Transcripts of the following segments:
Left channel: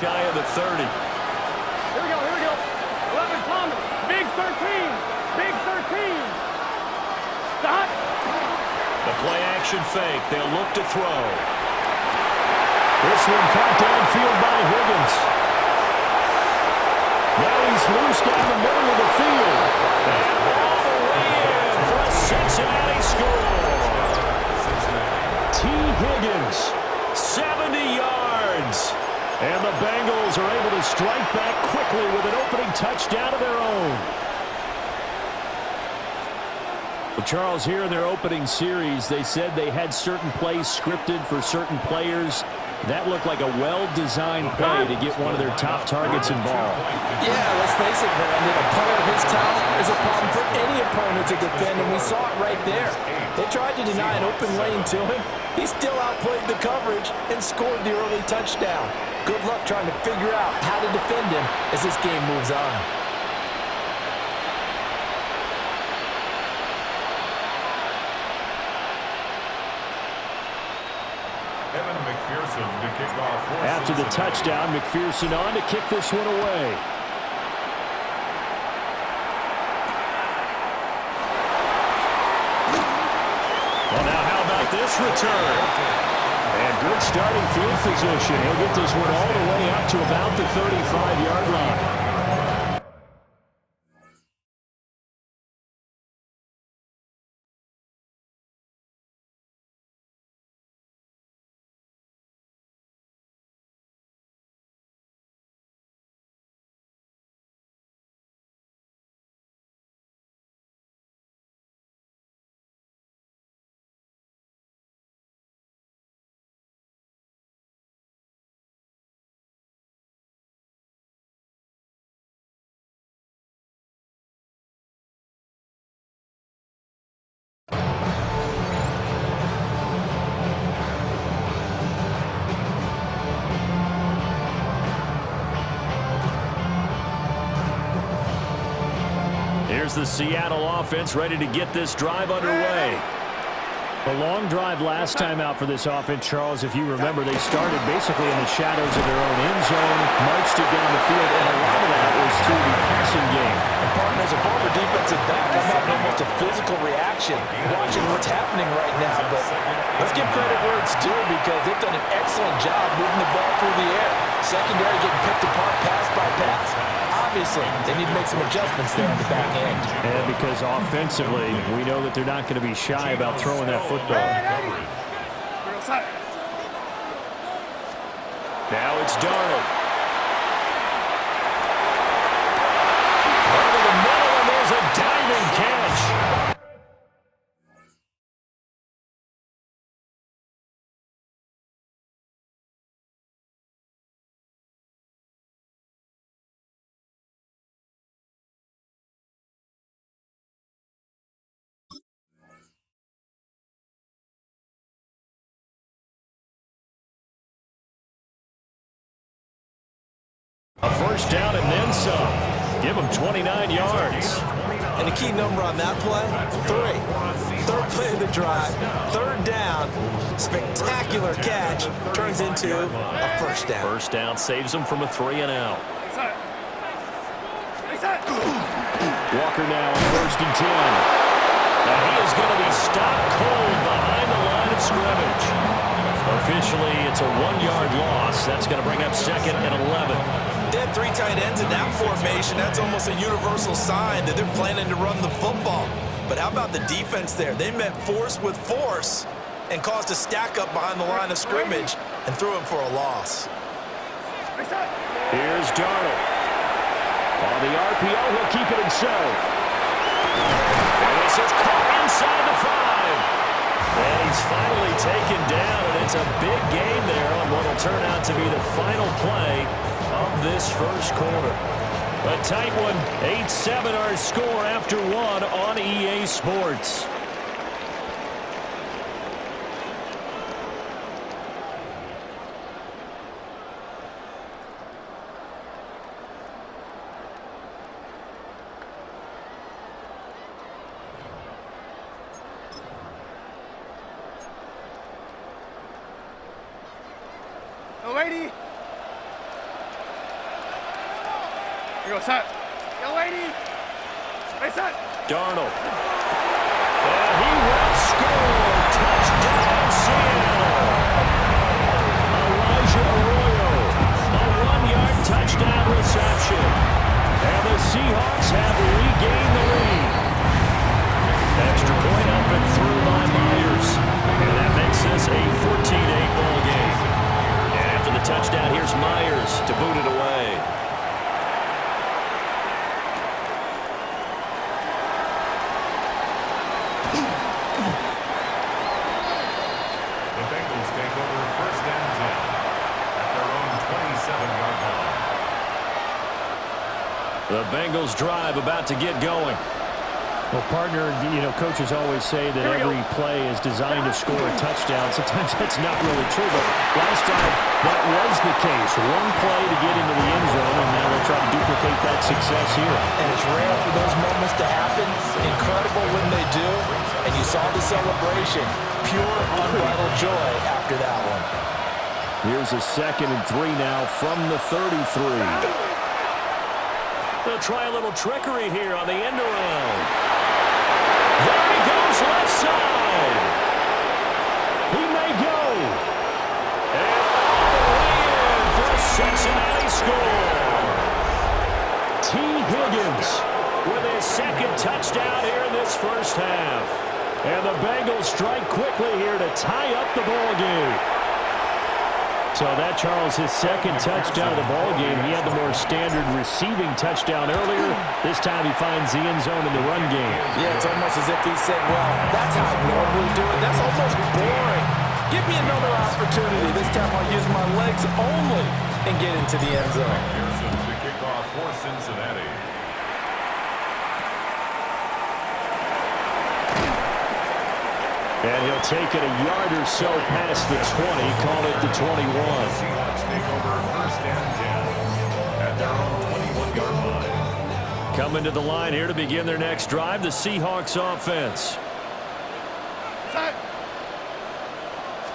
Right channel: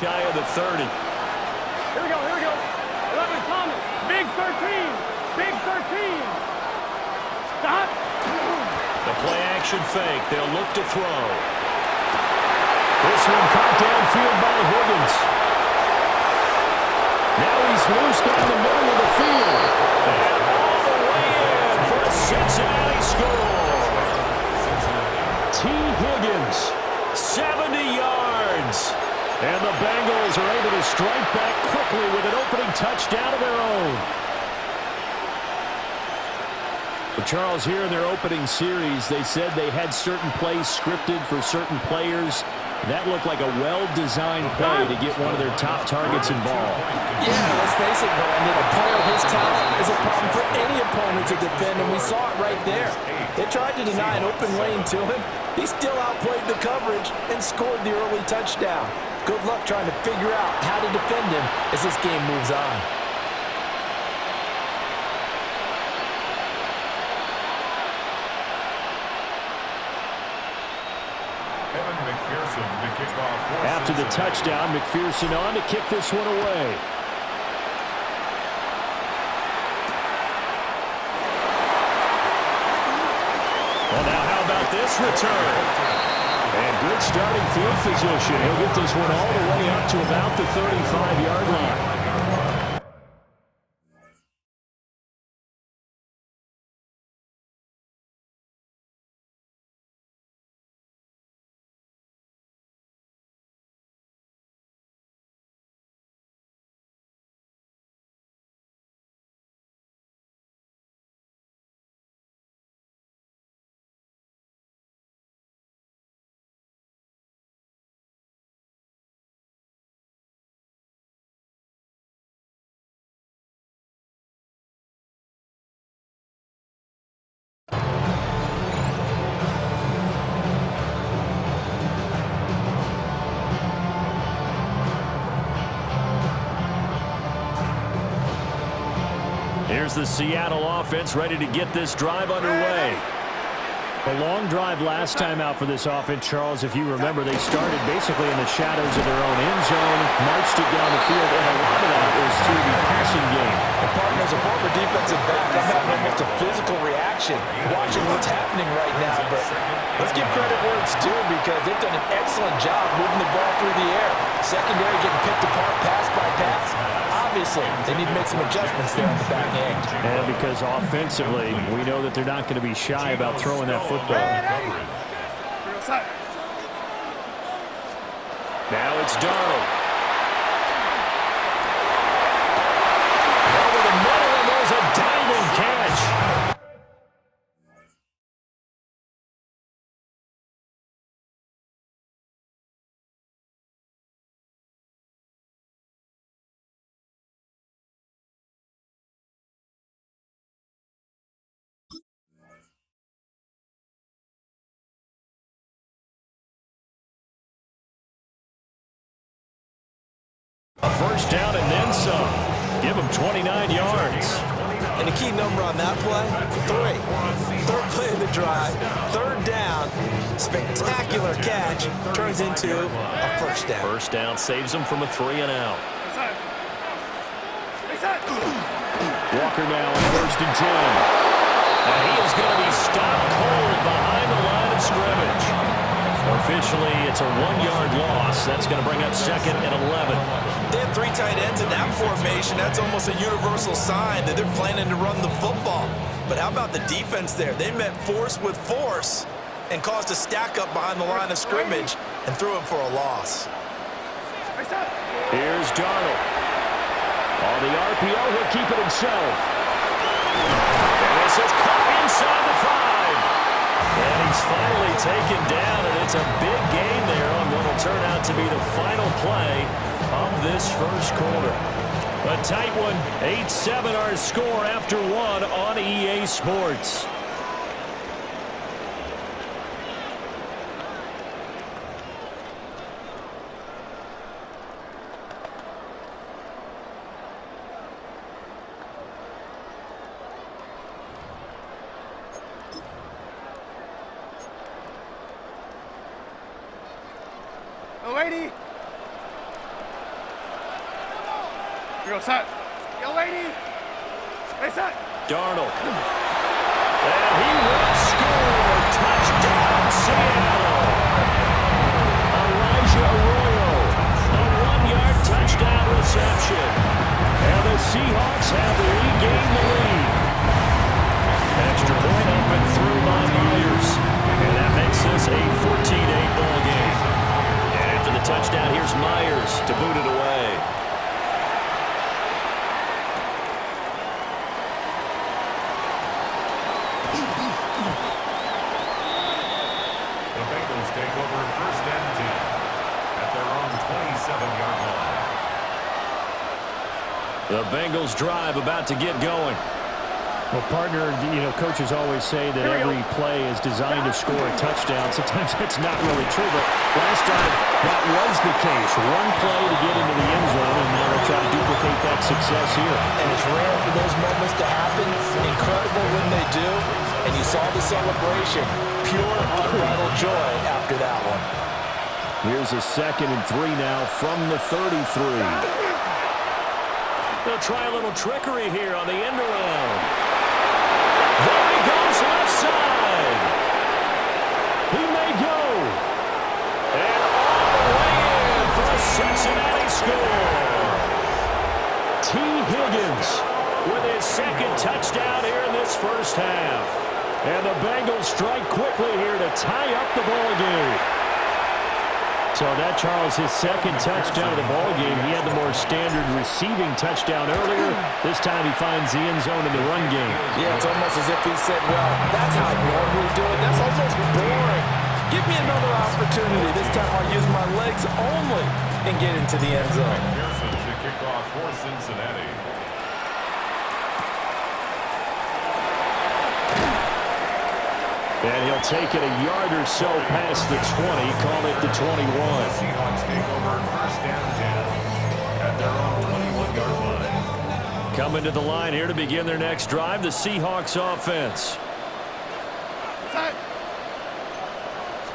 Shy of the 30. Here we go, here we go. 11 Thomas, big 13, big 13. Stop. The play action fake. They'll look to throw. This one caught downfield by Higgins. Now he's loose down the middle of the field. And all the way in for a Cincinnati score. T. Higgins, 70 yards. And the Bengals are able to strike back quickly with an opening touchdown of their own. Well, Charles, here in their opening series, they said they had certain plays scripted for certain players. That looked like a well-designed play to get one of their top targets involved. Yeah, let's face it, Brandon. A player of his talent is a problem for any opponent to defend, and we saw it right there. They tried to deny an open lane to him. He still outplayed the coverage and scored the early touchdown. Good luck trying to figure out how to defend him as this game moves on. After the touchdown, McPherson on to kick this one away. Well, now how about this return? And good starting field position. He'll get this one all the way up to about the 35-yard line. Here's the Seattle offense ready to get this drive underway. A long drive last time out for this offense, Charles. If you remember, they started basically in the shadows of their own end zone, marched it down the field, and a lot of that was through the passing game. And partner, as a former defensive back, I'm having almost a physical reaction watching what's happening right now. But let's give credit where it's due because they've done an excellent job moving the ball through the air. Secondary getting picked apart pass by pass. Obviously, they need to make some adjustments there on the back end. And because offensively, we know that they're not going to be shy about throwing that football. Now it's Darnold. Over the middle, and there's a diving catch. A first down and then some. Give them 29 yards. And the key number on that play, 3. Third play of the drive, third down, spectacular catch, turns into a first down. First down saves them from a 3-and-out. Walker now on 1st and 10. And he is going to be stopped cold behind the line of scrimmage. Officially, it's a 1-yard loss. That's going to bring up 2nd and 11. They have 3 tight ends in that formation. That's almost a universal sign that they're planning to run the football. But how about the defense there? They met force with force and caused a stack up behind the line of scrimmage and threw him for a loss. Here's Darnold. On the RPO, he'll keep it himself. And this is caught inside the 5. And he's finally taken down, and it's a big gain there on what will turn out to be the final play of this first quarter. A tight one, 8-7 our score after 1 on EA Sports. Lady. Here we go, set. Yo, lady. Hey, set. Darnold. And he will score. Touchdown, Seattle. Elijah Arroyo. A 1-yard touchdown reception. And the Seahawks have regained the lead. Extra point up and through by Myers. And that makes this a 14-8 ball game. And after the touchdown, here's Myers to boot it away. The Bengals take over 1st and 10 at their own 27-yard line. The Bengals drive about to get going. Well, partner, coaches always say that every play is designed to score a touchdown. Sometimes that's not really true, but last drive, that was the case. One play to get into the end zone, and now they'll try to duplicate that success here. And it's rare for those moments to happen. Incredible when they do. And you saw the celebration. Pure, unbridled joy after that one. Here's a 2nd and 3 now from the 33. They'll try a little trickery here on the end around. There he goes, left side. He may go. And all the way in for a Cincinnati score. T. Higgins with his 2nd touchdown here in this first half. And the Bengals strike quickly here to tie up the ball game. So that, Charles, his 2nd touchdown of the ball game. He had the more standard receiving touchdown earlier. This time he finds the end zone in the run game. Yeah, it's almost as if he said, well, that's how I normally do it. That's almost boring. Give me another opportunity. This time I'll use my legs only and get into the end zone. Pearson to kick off for Cincinnati. And he'll take it a yard or so past the 20, call it the 21. The Seahawks take over 1st and 10 at their own 21-yard line. Coming to the line here to begin their next drive, the Seahawks offense. Set.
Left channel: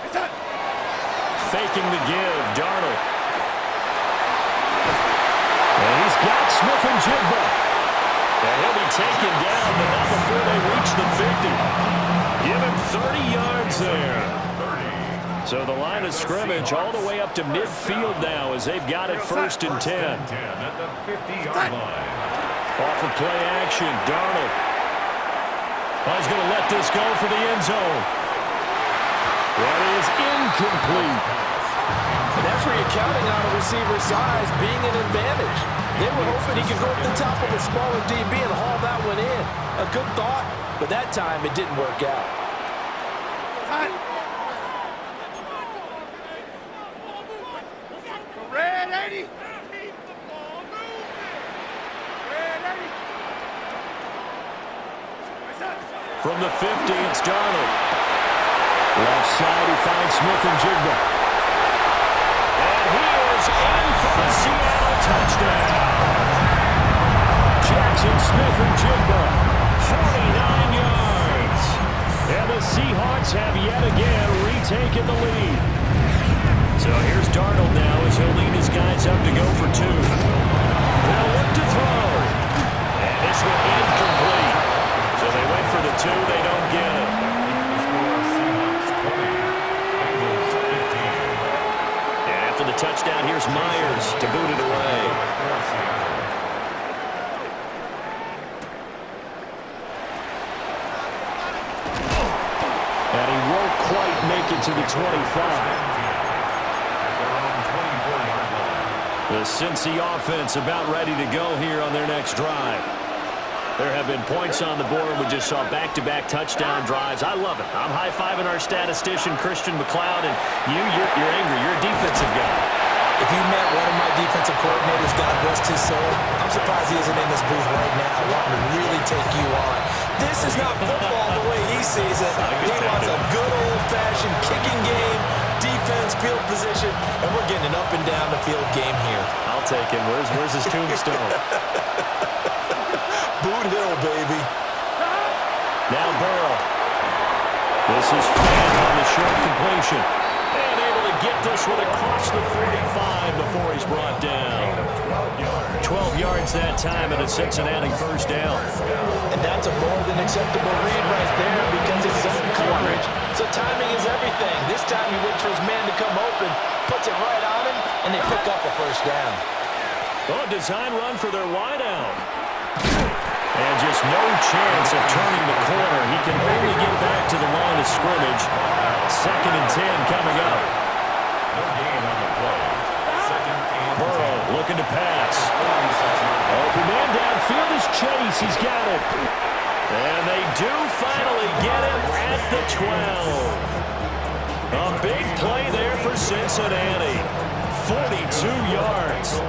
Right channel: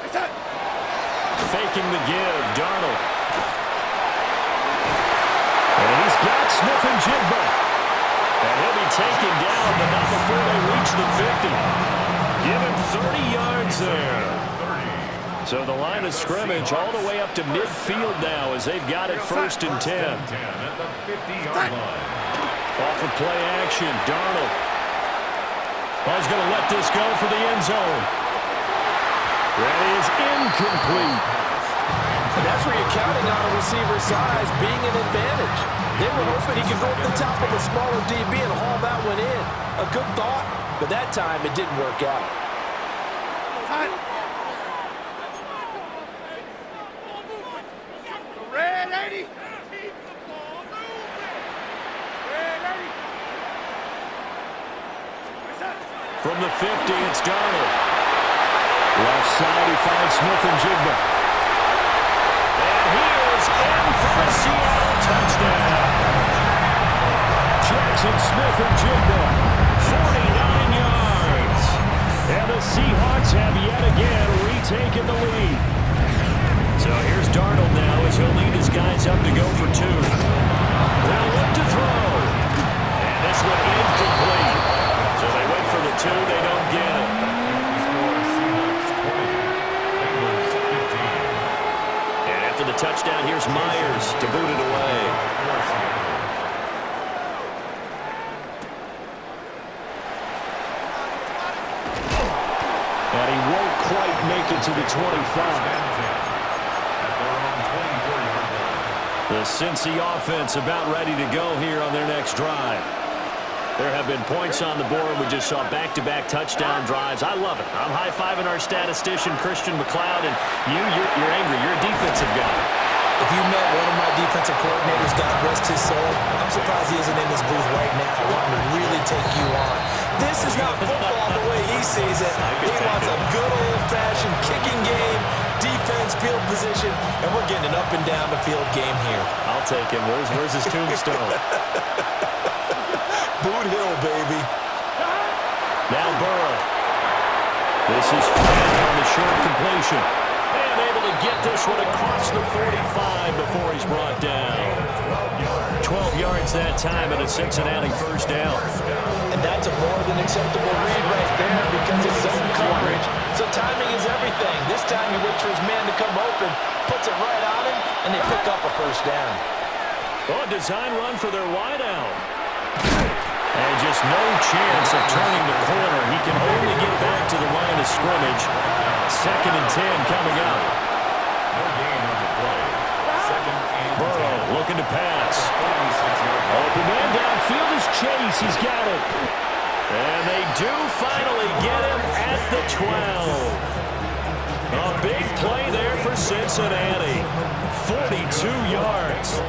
Hey, set. Faking the give, Darnold. And he's got Smith-Njigba. And he'll be taken down, but not before they reach the 50. Give him 30 yards there. So the line of scrimmage all the way up to midfield now as they've got it 1st and 10. At the 50-yard line. Off of play action, Darnold. Oh, he's going to let this go for the end zone. That is incomplete. And that's where you're counting on a receiver's size being an advantage. They were hoping he could go up the top of a smaller DB and haul that one in. A good thought, but that time it didn't work out. Red 80. Keep the ball moving. Red 80. From the 50, it's Darnold. Left side, he finds Smith-Njigba. And he is in for the Seattle touchdown. Jackson Smith-Njigba, 49 yards. And the Seahawks have yet again retaken the lead. So here's Darnold now as he'll lead his guys up to go for 2. They'll look to throw. And this one incomplete. So they went for the 2, they don't get it. The score, Seahawks 20, Bengals 15. And after the touchdown, here's Myers to boot it away. And he won't quite make it to the 25. The Cincy offense about ready to go here on their next drive. There have been points on the board. We just saw back-to-back touchdown drives. I love it. I'm high-fiving our statistician, Christian McLeod, and you're angry. You're a defensive guy. If you met one of my defensive coordinators, God rest his soul, I'm surprised he isn't in this booth right now wanting to really take you on. This is not football the way he sees it. He wants a good old-fashioned kicking game, defense, field position, and we're getting an up-and-down-the-field game here. I'll take him. Where's his tombstone? Boot Hill, baby. Now Burrow. This is Fant on the short completion. And able to get this one across the 45 before he's brought down. 12 yards that time and a Cincinnati first down. And that's a more than acceptable read right there because it's zone coverage. So timing is everything. This time he waits for his man to come open, puts it right on him, and they pick up a first down. Oh, a design run for their wideout. And just no chance of turning the corner. He can only get back to the line of scrimmage. 2nd and 10 coming up. No gain on the play. 2nd and 10. Burrow looking to pass. Open man downfield is Chase. He's got it. And they do finally get him at the 12. A big play there for Cincinnati. 42 yards.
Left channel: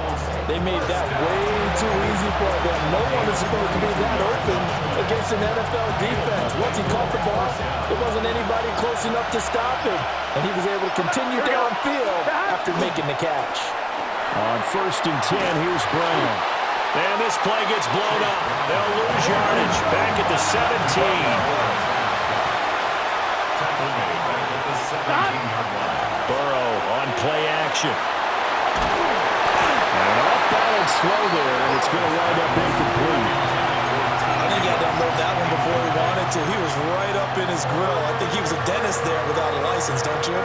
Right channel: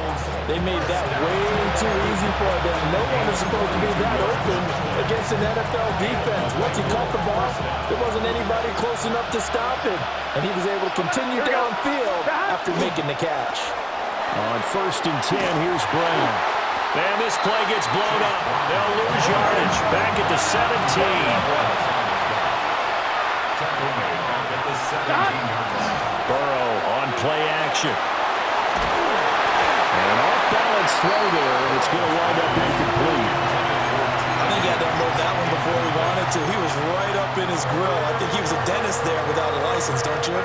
They made that way too easy for them. No one is supposed to be that open against an NFL defense. Once he caught the ball, there wasn't anybody close enough to stop him. And he was able to continue downfield after making the catch. On 1st and 10, here's Brown. And this play gets blown up. They'll lose yardage. Back at the 17. Tackle made back at the 17-yard line. Burrow on play action. And an off-balance throw there, and it's going to wind up incomplete. I think he had to unload that one before he wanted to. He was right up in his grill. I think he was a dentist there without a license, don't you?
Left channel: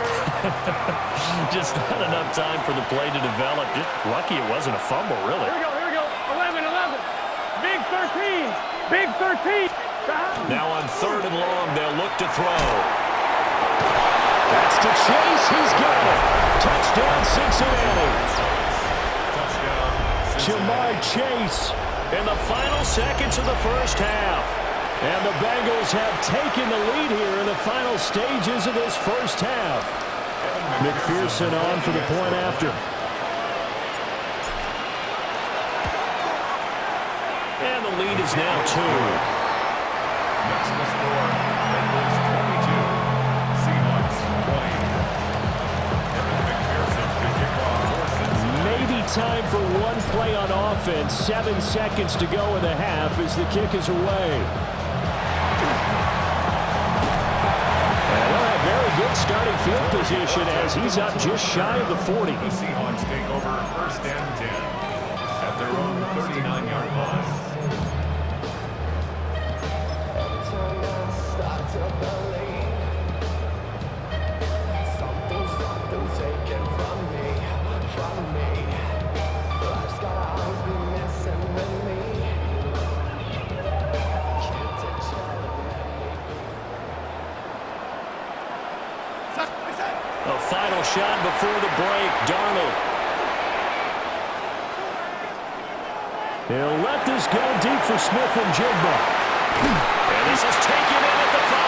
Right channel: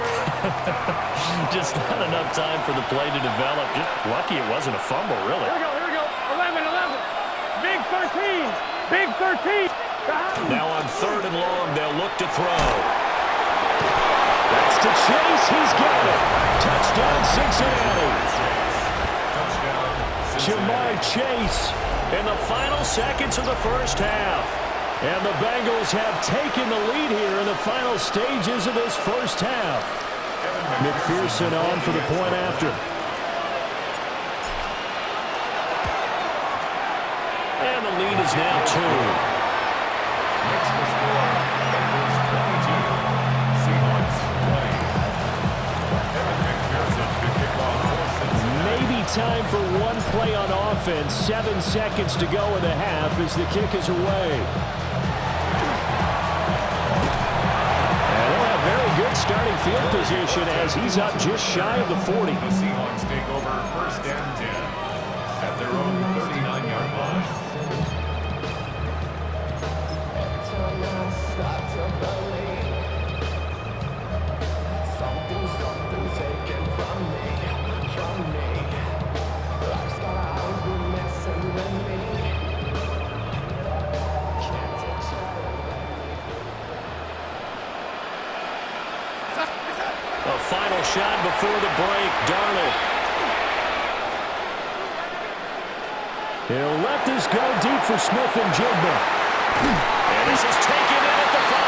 Just not enough time for the play to develop. Just lucky it wasn't a fumble, really. Here we go. 11. Big 13. Big 13. Now on 3rd and long, they'll look to throw. That's to Chase. He's got it. Touchdown, Cincinnati. Touchdown, Jamar Cincinnati. Chase in the final seconds of the first half. And the Bengals have taken the lead here in the final stages of this first half. McPherson on for the point after. And the lead is now 2. Makes the score. Bengals 22. Seahawks 20. Evan McPherson to kick off for Cincinnati. Maybe time for one play on offense. 7 seconds to go in the half as the kick is away. And they'll have very good starting field position as he's up just shy of the 40. The Seahawks take over 1st and 10 at their own 39-yard line. Start to believe something's taken from me. Life's gotta always be messing with me. Can't take A final shot before the break. Darnold. He'll let this go deep for Smith and Jigba. And this is taken in at the 5.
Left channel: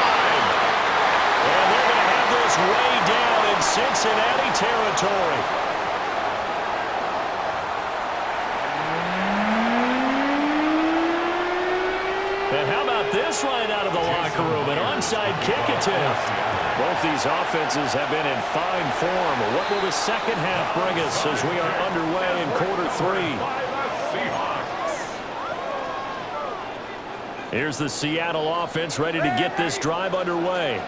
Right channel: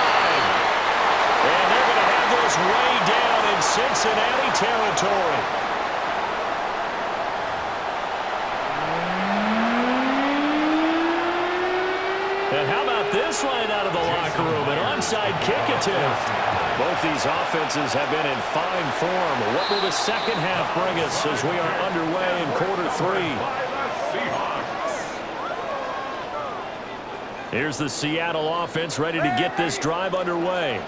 And they're going to have this way down in Cincinnati territory. And how about this right out of the locker room? An onside kick attempt. Both these offenses have been in fine form. What will the second half bring us as we are underway in quarter 3? Here's the Seattle offense ready to get this drive underway.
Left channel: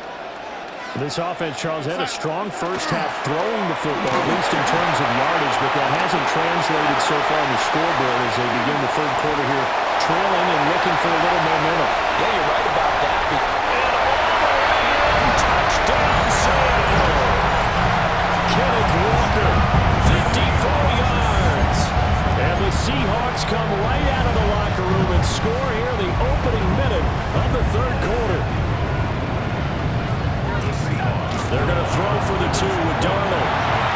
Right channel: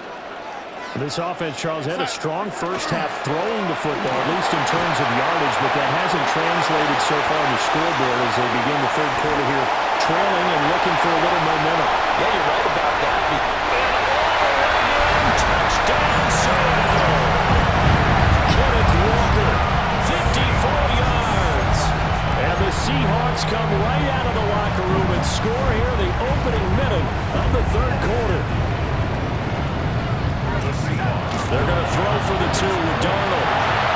This offense, Charles, had a strong first half throwing the football, at least in terms of yardage, but that hasn't translated so far on the scoreboard as they begin the third quarter here, trailing and looking for a little momentum. Yeah, you're right about that. And all the way in, touchdown Seattle. Kenneth Walker, 54 yards. And the Seahawks come right out of the locker room and score here in the opening minute of the third quarter. They're going to throw for the 2 with Darnold.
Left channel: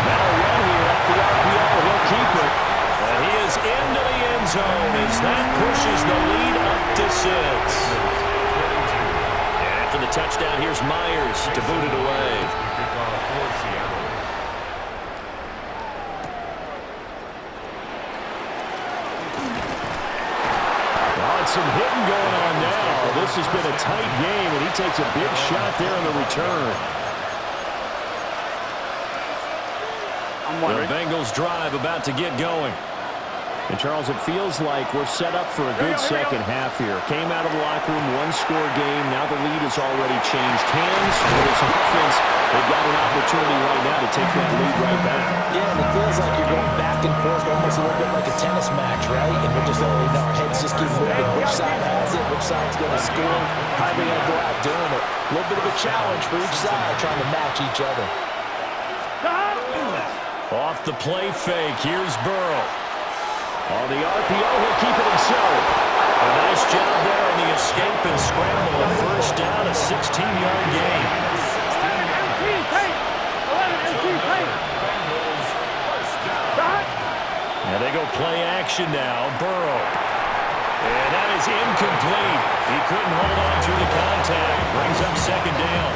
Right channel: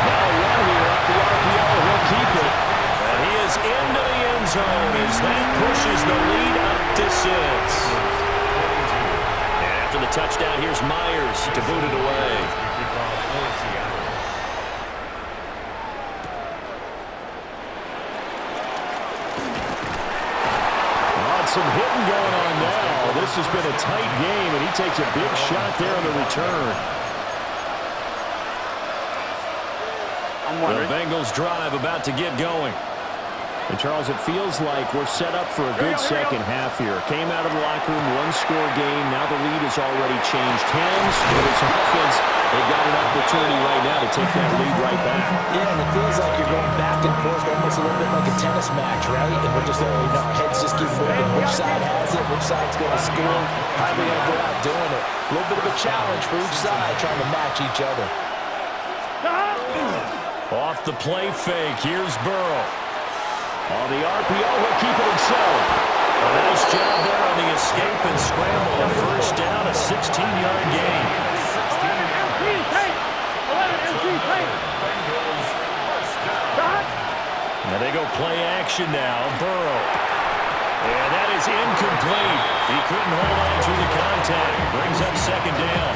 Now a run here off the RPO. He'll keep it. And he is into the end zone as that pushes the lead up to 6. And after the touchdown, here's Myers to boot it away. Some hitting going on now. This has been a tight game, and he takes a big shot there on the return. The Bengals drive about to get going. And, Charles, it feels like we're set up for a good second half here. Came out of the locker room, one-score game. Now the lead has already changed hands. With this offense, they've got an opportunity right now to take that lead right back. Yeah, and it feels like you're going back and forth almost a little bit like a tennis match, right? And we're just, our heads just keep moving. Which side has it? Which side's going to score? How are they going to go out doing it? A little bit of a challenge for each side trying to match each other. Off the play fake, here's Burrow. On the RPO, he'll keep it himself. A nice job there on the escape and scramble. A first down, a 16-yard gain. 11 MT tape. 11 MT tape. And they go play action now. Burrow. And that is incomplete. He couldn't hold on through the contact. Brings up second down.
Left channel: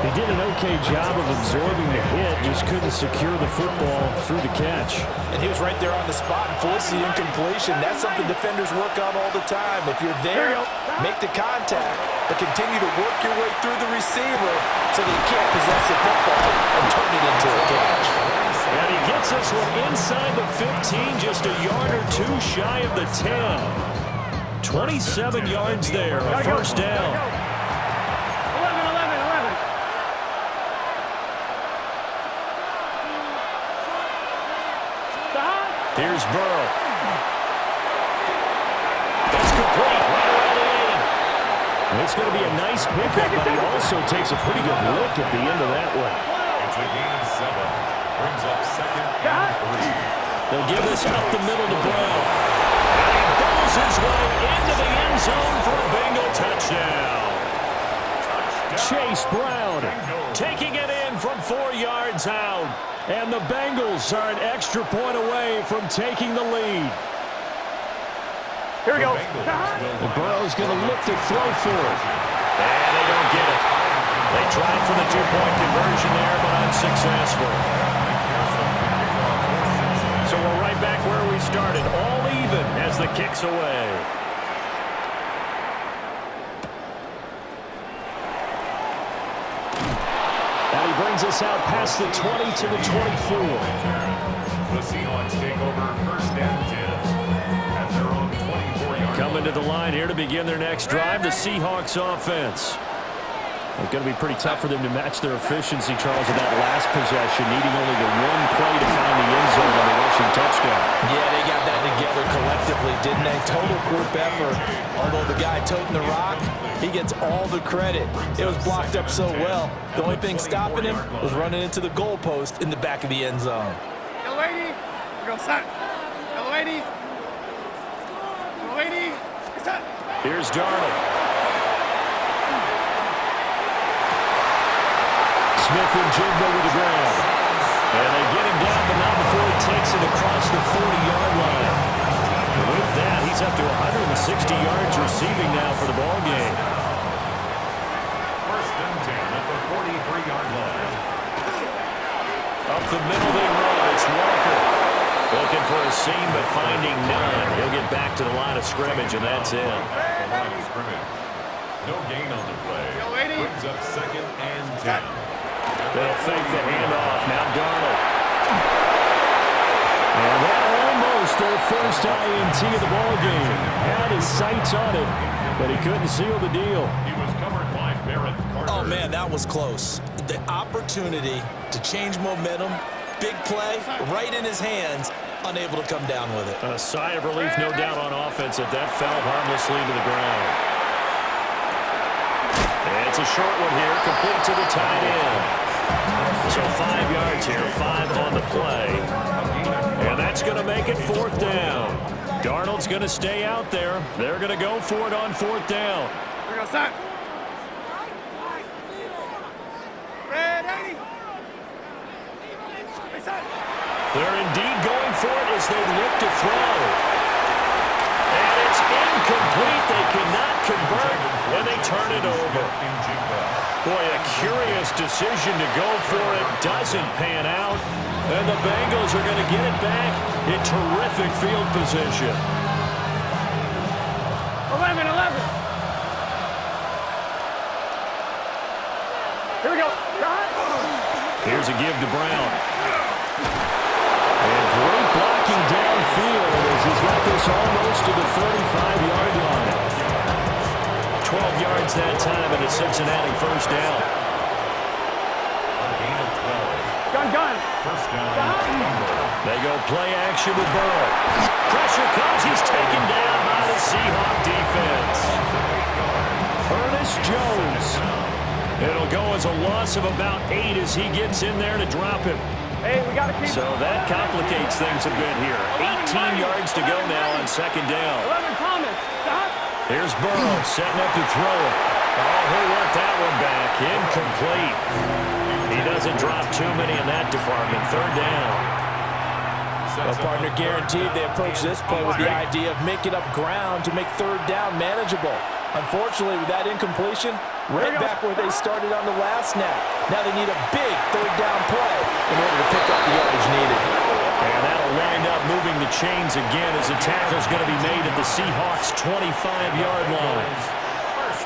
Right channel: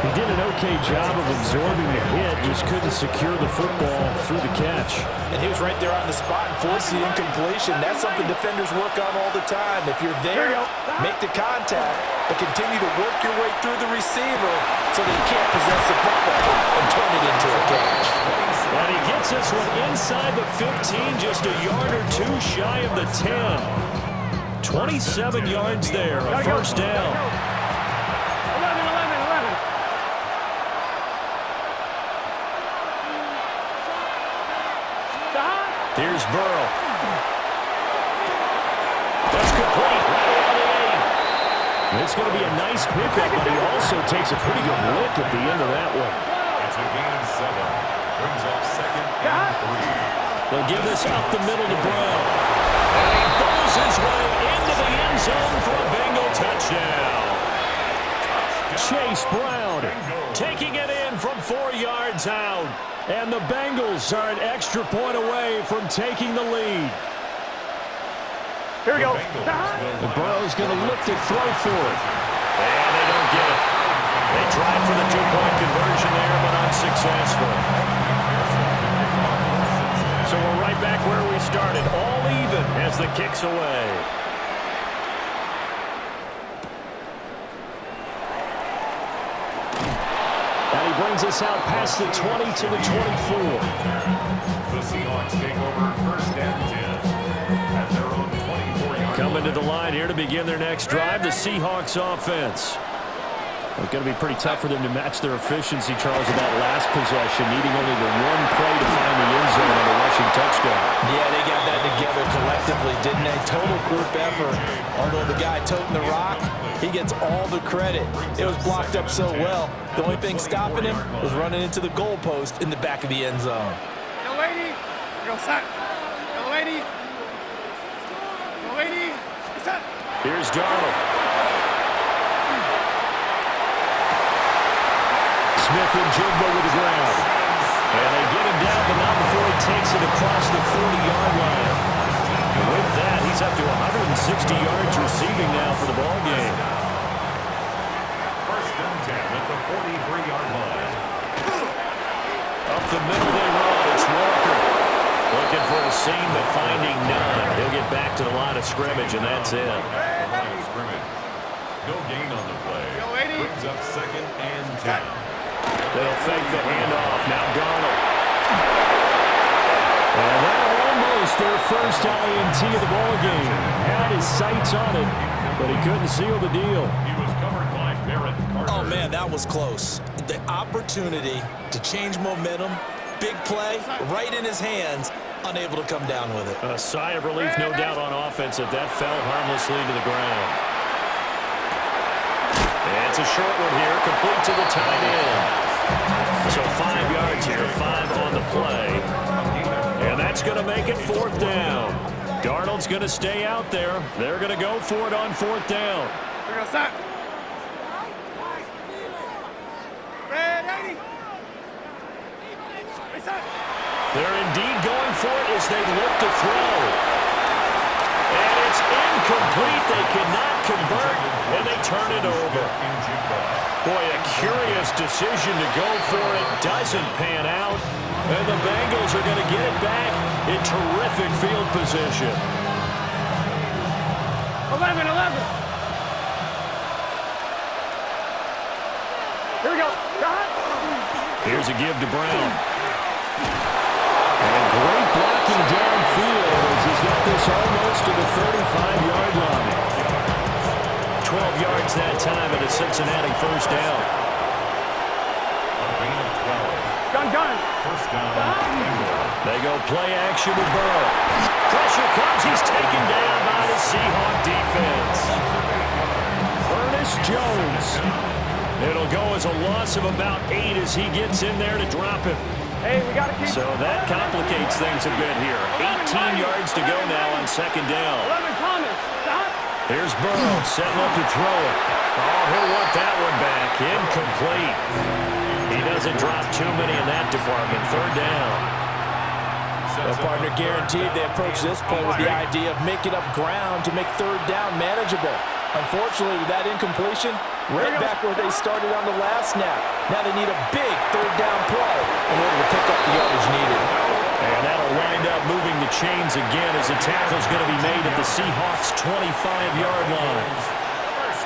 He did an okay job of absorbing the hit, just couldn't secure the football through the catch. And he was right there on the spot and forced the incompletion. That's something defenders work on all the time. If you're there, make the contact, but continue to work your way through the receiver so that he can't possess the football and turn it into a catch. And he gets this one inside the 15, just a yard or two shy of the 10. 27 yards there, a first down. 11, 11, 11. Here's Burrow. That's complete, right around the 8. It's going to be a nice pickup, but he also takes a pretty good lick at the end of that one. It's a gain of 7. Brings up second and 3. They'll give this up the middle to Brown. And he bowls his way into the end zone for a Bengal touchdown. Chase Brown Taking it in from 4 yards out. And the Bengals are an extra point away from taking the lead. Here we go. And Burrow's going to look to throw for it. And they don't get it. They tried for the 2-point conversion there, but unsuccessful. So we're right back where we started, all even as the kick's away. And he brings us out past the 20 to the 24. The Seahawks take over first and 10 at their own 24-yard Coming to line. the line here to begin their next drive, the Seahawks offense. It's going to be pretty tough for them to match their efficiency, Charles, of that last possession, needing only the one play to find the end zone on a rushing touchdown. Yeah, they got that together collectively, didn't they? Total group effort. Although the guy toting the rock, he gets all the credit. It was blocked up so well. The only thing stopping him was running into the goalpost in the back of the end zone. Yo, lady. Go, son. Yo, lady. Yo, lady. Son. Here's Darnold. Smith and Jigba with the grab. And they get him down, but not before he takes it across the 40-yard line. And with that, he's up to 160 yards receiving now for the ball game. First and 10 at the 43-yard line. Up the middle they run. It's Walker. Looking for a seam, but finding none. He'll get back to the line of scrimmage, and that's it. The line of scrimmage. No gain on the play. Brings up second and 10. They'll fake the handoff. Now Darnold. And that almost their first INT of the ball game. Had his sights on it, but he couldn't seal the deal. He was covered by Barrett Carter. Oh, man, that was close. The opportunity to change momentum, big play, right in his hands, unable to come down with it. A sigh of relief, no doubt, on offense that that fell harmlessly to the ground. And it's a short one here, complete to the tight end. So 5 yards here, 5 on the play. And that's going to make it 4th down. Darnold's going to stay out there. They're going to go for it on 4th down. Here we go, son. Red 80. Hey, son. They're indeed going for it as they look to throw. And it's incomplete. They cannot convert, and they turn it over. Boy, a curious decision to go for it. Doesn't pan out. And the Bengals are going to get it back in terrific field position. 11. Here we go. Here's a give to Brown. And great blocking downfield. gets to the 35-yard line. 12 yards that time, and a Cincinnati first down. A gain of 12. Gun. First down, Bengals. They go play action with Burrow. Pressure comes. He's taken down by the Seahawk defense. Ernest Jones. It'll go as a loss of about 8 as he gets in there to drop him. Hey, we got to keep. So that complicates things a bit here. 18 yards to go now on second down. 11 Thomas. Stop. Here's Burrow setting up to throw it. Oh, he'll want that one back. Incomplete. He doesn't drop too many in that department. Third down. Well, partner, guaranteed they approach this play with the idea of making up ground to make third down manageable. Unfortunately, with that incompletion, right back where they started on the last snap. Now they need a big third down play in order to pick up the yardage needed. And that'll wind up moving the chains again as a tackle's going to be made at the Seahawks' 25-yard line.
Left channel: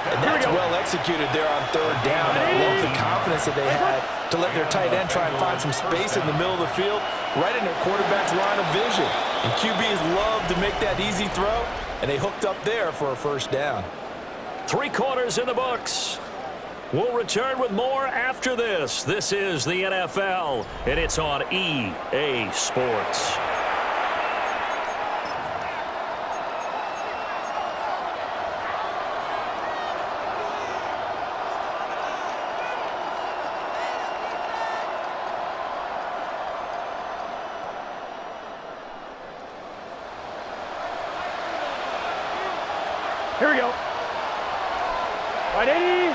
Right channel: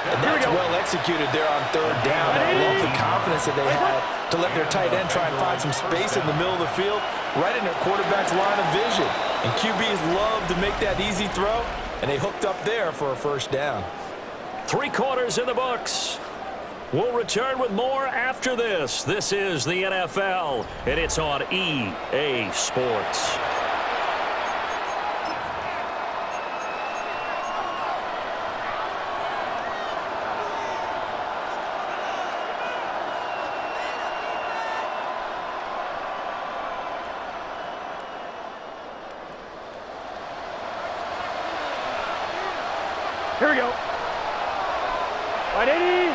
And that's well executed there on third down. And I love the confidence that they had to let their tight end try and find some space in the middle of the field, right in their quarterback's line of vision. And QBs love to make that easy throw, and they hooked up there for a first down. 3 quarters in the books. We'll return with more after this. This is the NFL, and it's on EA Sports. Here we go. Right, 80.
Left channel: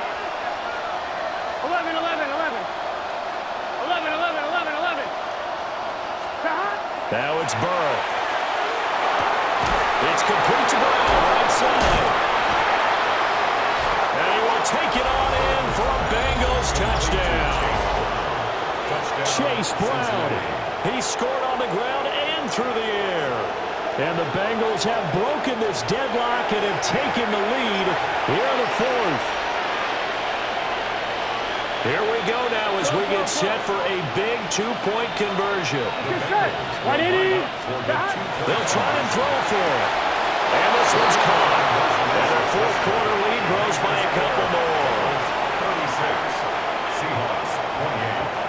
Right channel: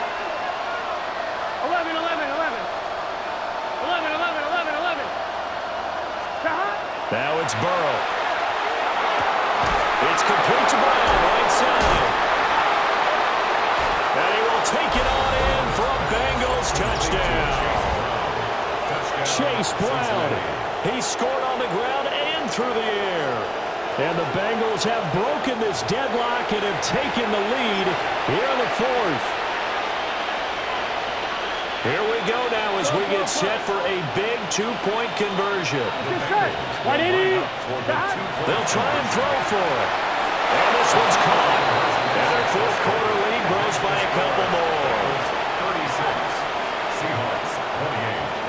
11. 11. Now it's Burrow. It's complete to Brown, right side. And he will take it on in for a Bengals touchdown. Chase Brown. He scored on the ground and through the air. And the Bengals have broken this deadlock and have taken the lead here in the fourth. Here we go now as we get set for a big 2-point conversion. They'll try and throw for it. And this one's caught. And their fourth quarter lead grows by a couple more. 36. Seahawks 28.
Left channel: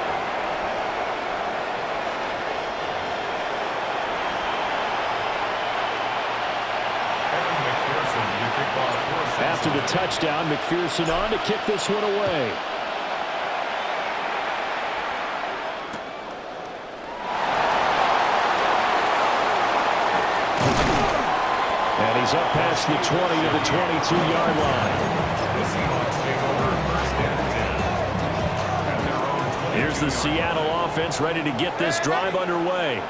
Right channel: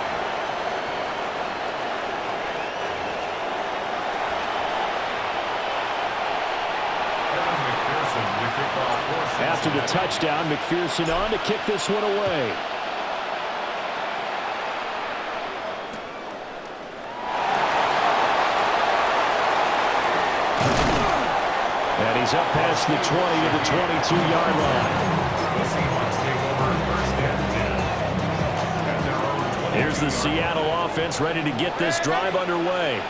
After the touchdown, McPherson on to kick this one away. And he's up past the 20 to the 22-yard line. The Seahawks take over first and 10. At their own 20. Here's the Seattle offense ready to get this drive underway.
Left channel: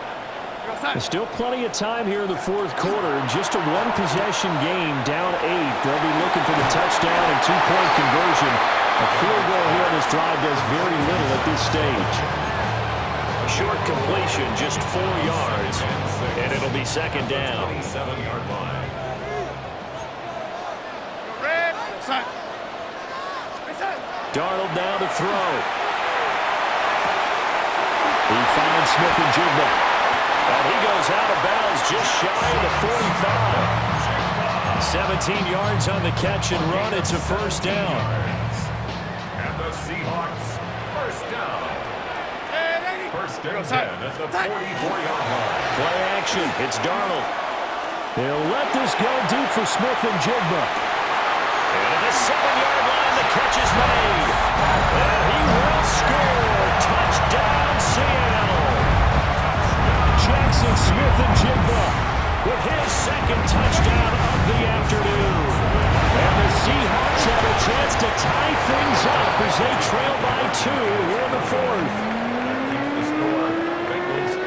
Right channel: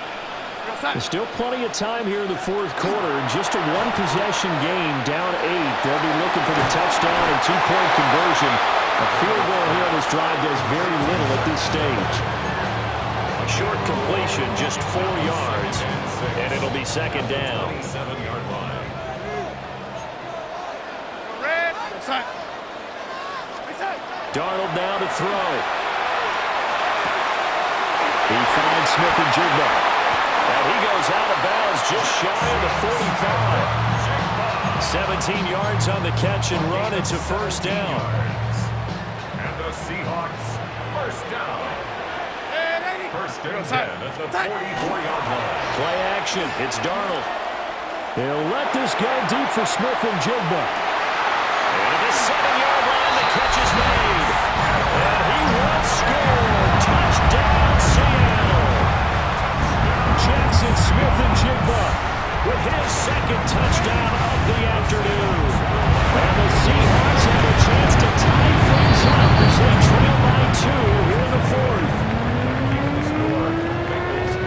There's still plenty of time here in the fourth quarter. Just a one-possession game, down 8. They'll be looking for the touchdown and 2-point conversion. A field goal here on this drive does very little at this stage. A short completion, just 4 yards, and it'll be second down. 27-yard line. Darnold now to throw. He finds Smith-Njigba. And he goes out of bounds just shy of the 45. 17 yards on the catch and run. It's a first down. And the Seahawks first down. First and 10 at the 44-yard line. Play action. It's Darnold. They'll let this go deep for Smith-Njigba. And at the 7-yard line, the catch is made. And he will score. Touchdown, Seattle. Jackson Smith-Njigba with his second touchdown of the afternoon. And the Seahawks have a chance to tie things up as they trail by 2 here in the fourth.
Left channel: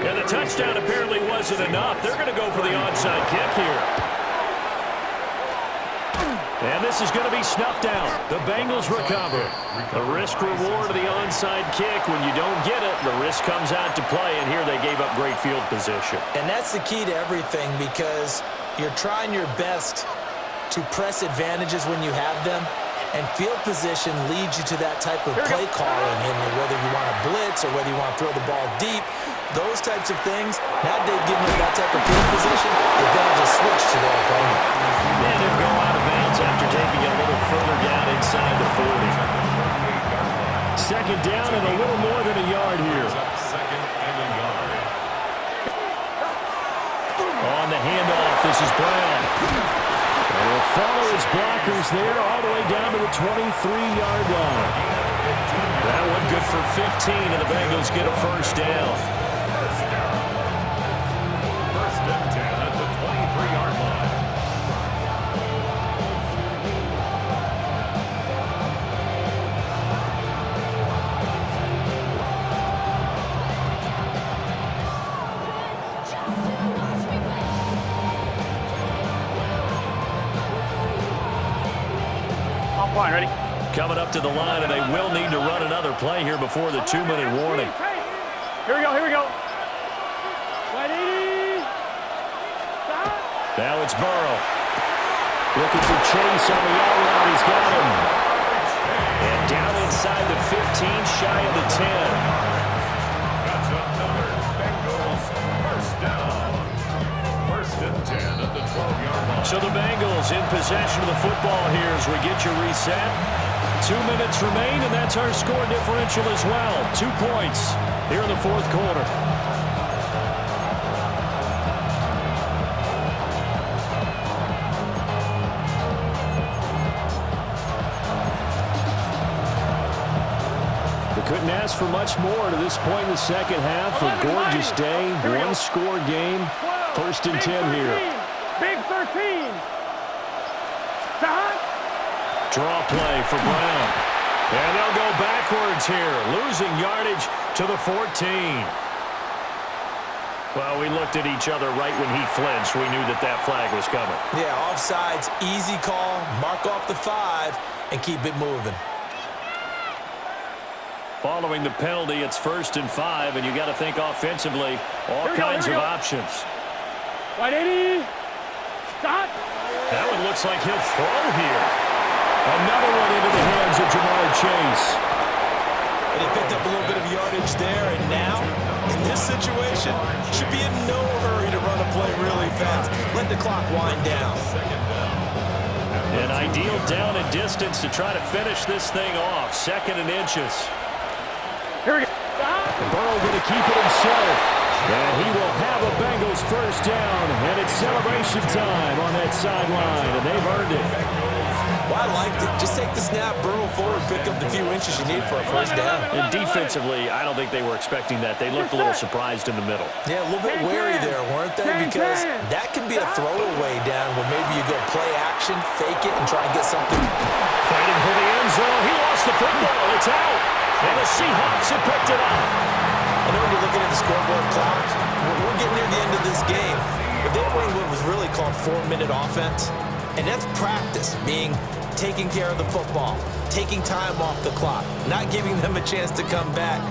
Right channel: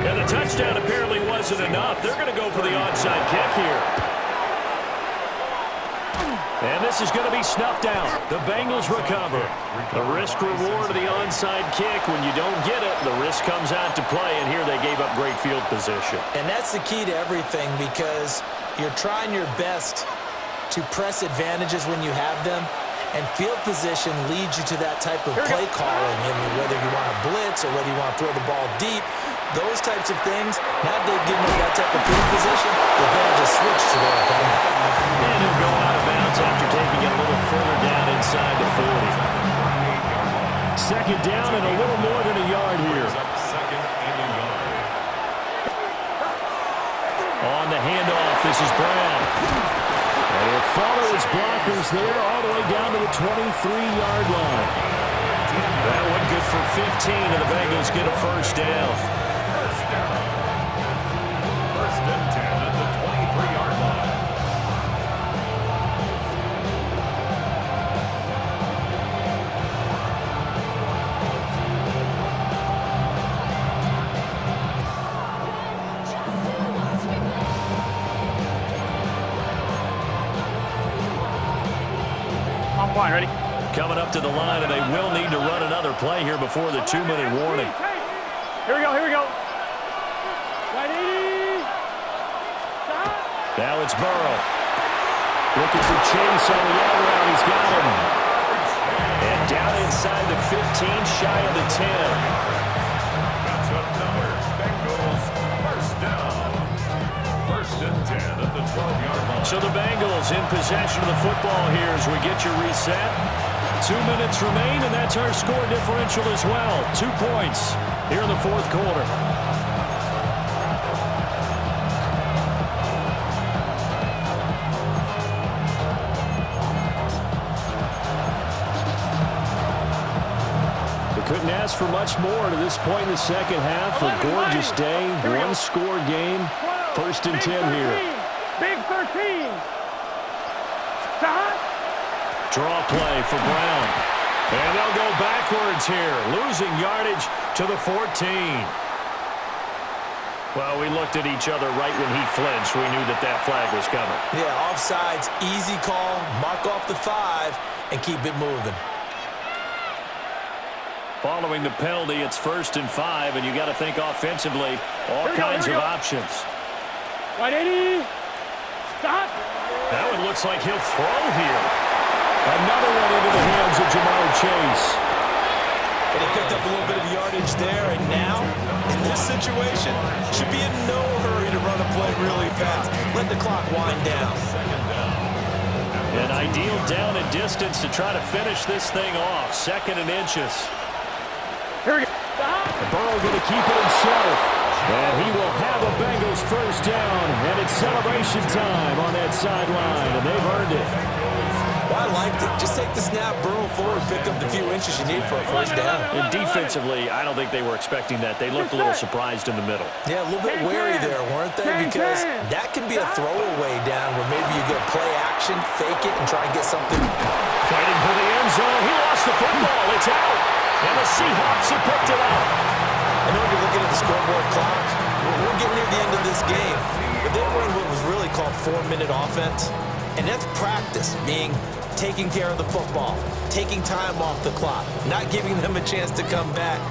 And the touchdown apparently wasn't enough. They're going to go for the onside kick here. And this is going to be snuffed out. The Bengals recover. The risk-reward of the onside kick. When you don't get it, the risk comes out to play, and here they gave up great field position. And that's the key to everything, because you're trying your best to press advantages when you have them, And field position leads you to that type of play calling. I mean, whether you want to blitz or whether you want to throw the ball deep, those types of things. Now Dave getting into that type of field position, the advantage is switched to their opponent. And he'll go out of bounds after taking it a little further down inside the 40. Second down and a little more than a yard here. Second and a yard. On the handoff, this is Brown. And he'll follow his blockers there all the way down to the 23-yard line. That one good for 15, and the Bengals get a first down. First and 10 at the 23-yard line. I'm fine, ready? Coming up to the line, and they will need to run another play here before the 2-minute warning. Here we go, here we go. Ready? Stop. Now it's Burrow. Looking for Chase on the out route. He's got him. And down inside the 15, shy of the 10. That's another Bengals first down. First and 10 at the 12-yard line. So the Bengals in possession of the football here as we get you reset. 2 minutes remain, and that's our score differential as well. 2 points here in the fourth quarter. They couldn't ask for much more to this point in the second half. A gorgeous day, one-score game. First and 10 here. Big 13. Stop. Draw play for Brown. And they'll go backwards here, losing yardage to the 14. Well, we looked at each other right when he flinched. We knew that that flag was coming. Yeah, offsides, easy call, mark off the 5, and keep it moving. Following the penalty, it's first and 5, and you got to think offensively, all kinds of options. 180. Stop. That one looks like he'll throw here. Another one into the hands of Jamar Chase. But he picked up a little bit of yardage there, and now, in this situation, should be in no hurry to run a play really fast. Let the clock wind down. An ideal down and distance to try to finish this thing off. Second and inches. Here we go. Stop. And Burrow going to keep it himself. And he will have a Bengals first down. And it's celebration time on that sideline. And they've earned it. Well, I liked it. Just take the snap, burrow forward, pick up the few inches you need for a first down. And defensively, I don't think they were expecting that. They looked a little surprised in the middle. Yeah, a little bit wary there, weren't they? Because that can be a throwaway down where maybe you go play action, fake it, and try and get something. Fighting for the end zone. He lost the football. It's out. And the Seahawks have picked it up. I know when you're looking at the scoreboard clock, we're getting near the end of this game. But they were in what was really called 4-minute offense. And that's practice, meaning taking care of the football, taking time off the clock, not giving them a chance to come back.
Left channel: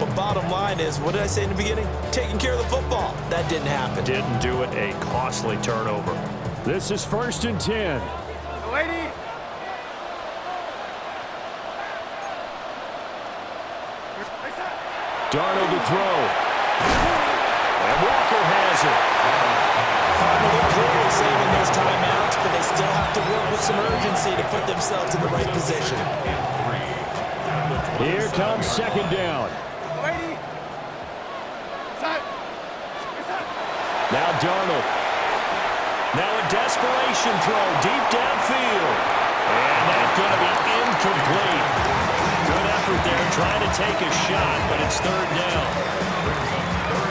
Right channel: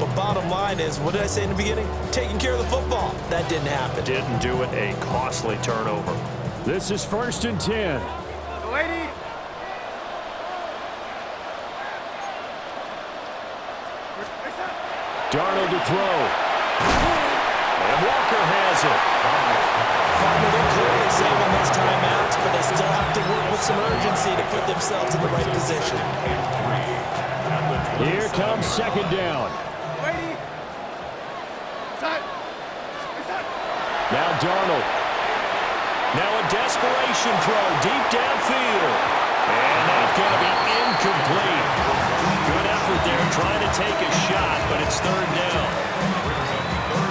But bottom line is, what did I say in the beginning? Taking care of the football. That didn't happen. Didn't do it. A costly turnover. This is first and 10. Lady. Darnold to throw. And Walker has it. Partner, they're clearly saving those timeouts, but they still have to work with some urgency to put themselves in the right position. Here comes second down. Lady. Now Darnold. Now a desperation throw deep downfield. And that's going to be incomplete. Good effort there trying to take a shot, but it's third down.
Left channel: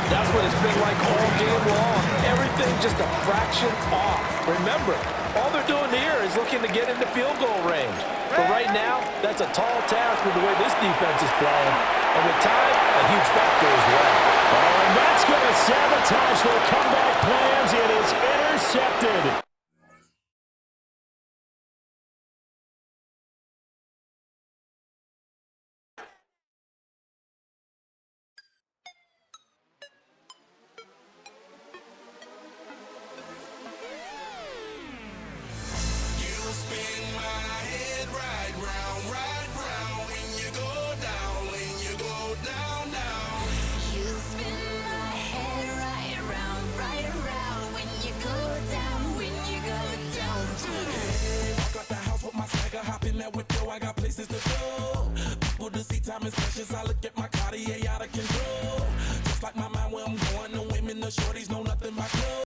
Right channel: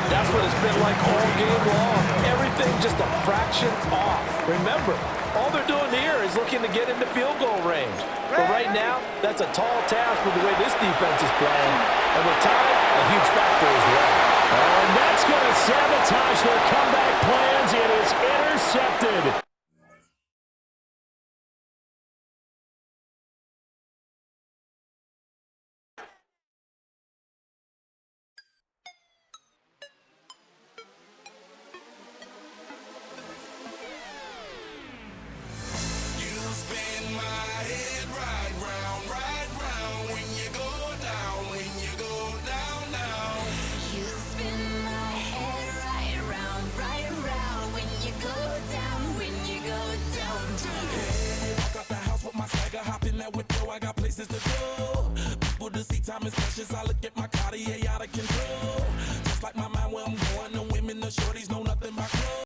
That's what it's been like all game long. Everything just a fraction off. Remember, all they're doing here is looking to get into field goal range. But right now, that's a tall task with the way this defense is playing. And with time, a huge factor as well. Oh, and that's going to sabotage their comeback plans. It is intercepted. in that whip, yo, I got places to go. People to see, time is precious. I look at my Cartier out of control. Just like my mind where I'm going, the women, the shorties know nothing but clothes.